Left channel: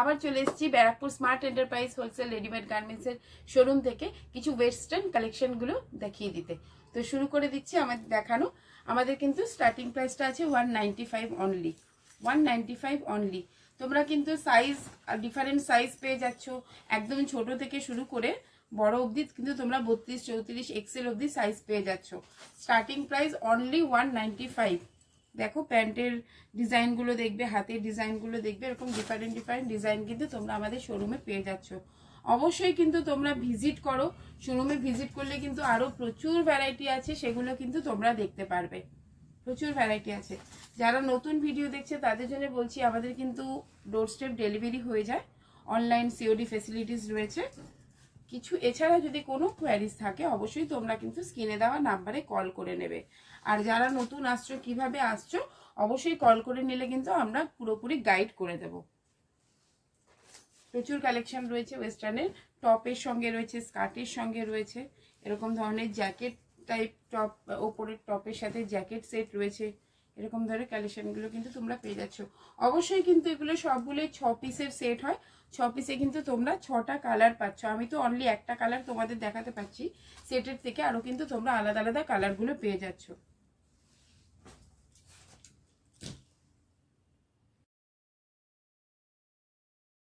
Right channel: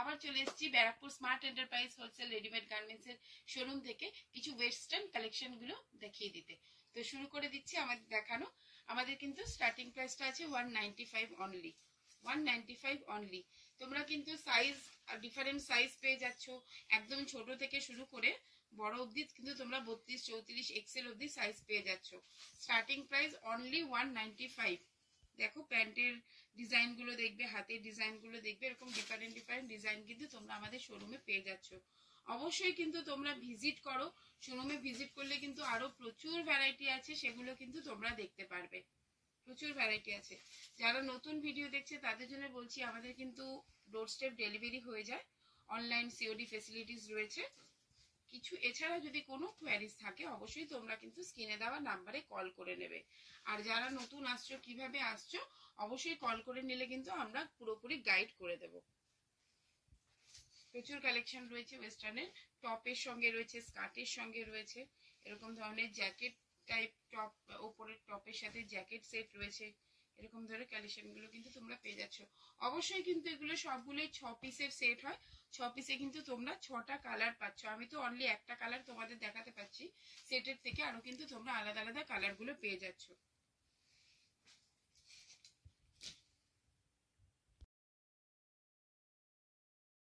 আবার চলে এসেছি Barrackpore smart enterprise wholesale readymade গার্মেন্টসের শোরুম থেকে কিছু ওয়েস্টার্ন কালেকশনগুলো দেখিয়ে দিতে। তো শুরু করে দিচ্ছি আমাদের দেখানো। আমাদের কিন্তু স্টার্টিং প্রাইসটা আছে 195 অনলি, 195 অনলি। তোমরা কিন্তু সাইজ ডিফারেন্ট সাইজ পেয়ে যাচ্ছ, একদম ছোট থেকে শুরু করে বড় অবধি কিন্তু তোমরা 32, 34 এক্সেল অবধি সাইজ পেয়ে যাচ্ছ। Starting price only 195। দেখো প্যান্টের ডিজাইনগুলো দেখবে, হাতের ডিজাইনগুলো দেখবে, এরকম ডিফারেন্ট ডিজাইন কিন্তু তোমরা আমাদের শোরুমে পেয়ে যাচ্ছ। অবশ্যই কিন্তু তোমরা ভিজিট করো, শোরুমে ভিজিট করলে কিন্তু আরও প্রচুর ভ্যারাইটি আছে, সেগুলো কিন্তু তোমরা দেখতে পারবে। প্রচুর ভ্যারাইটি আছে। যারা নতুন ভিডিও দেখছে তাদের জন্য বলছি, আমাদের কিন্তু ডোর স্টেপ ডেলিভারি হয়ে যায়, অনলাইন সিওডি ফেসিলিটিস রয়েছে কিছু। এছাড়া যদি কোনো কোয়ারিজ থাকে অবশ্যই তোমরা কিন্তু স্ক্রিনে দেওয়া নাম্বারে কল করে নেবে। আর যারা নতুন আসছো, কিভাবে আসছো অবশ্যই কল করে নিলে কিন্তু আমরা পুরোপুরি গাইড করে দেব। প্রচুর কালেকশন রয়েছে ওয়েস্টার্নের, টপের সঙ্গে রয়েছে, স্কার্টের সঙ্গে রয়েছে, এরকম ধরনের জ্যাকেট টাইপ টপ, ওপরের টপের সাথে জ্যাকেট সেট রয়েছে, এরকম ধরনের কালেকশনগুলো কিন্তু তোমরা পেয়ে যাচ্ছ। অবশ্যই কিন্তু এগুলো সবগুলোই 6 পিসের সেট হয়, 6 পিসে কিন্তু তোমরা 6টা কালার পাচ্ছ। আমি তো অনলি একটা কালার তোমাদের দেখাতে পাচ্ছি, সেটের থেকে আরও কিন্তু তোমরা আলাদা আলাদা কালারগুলো পেয়ে যাচ্ছ।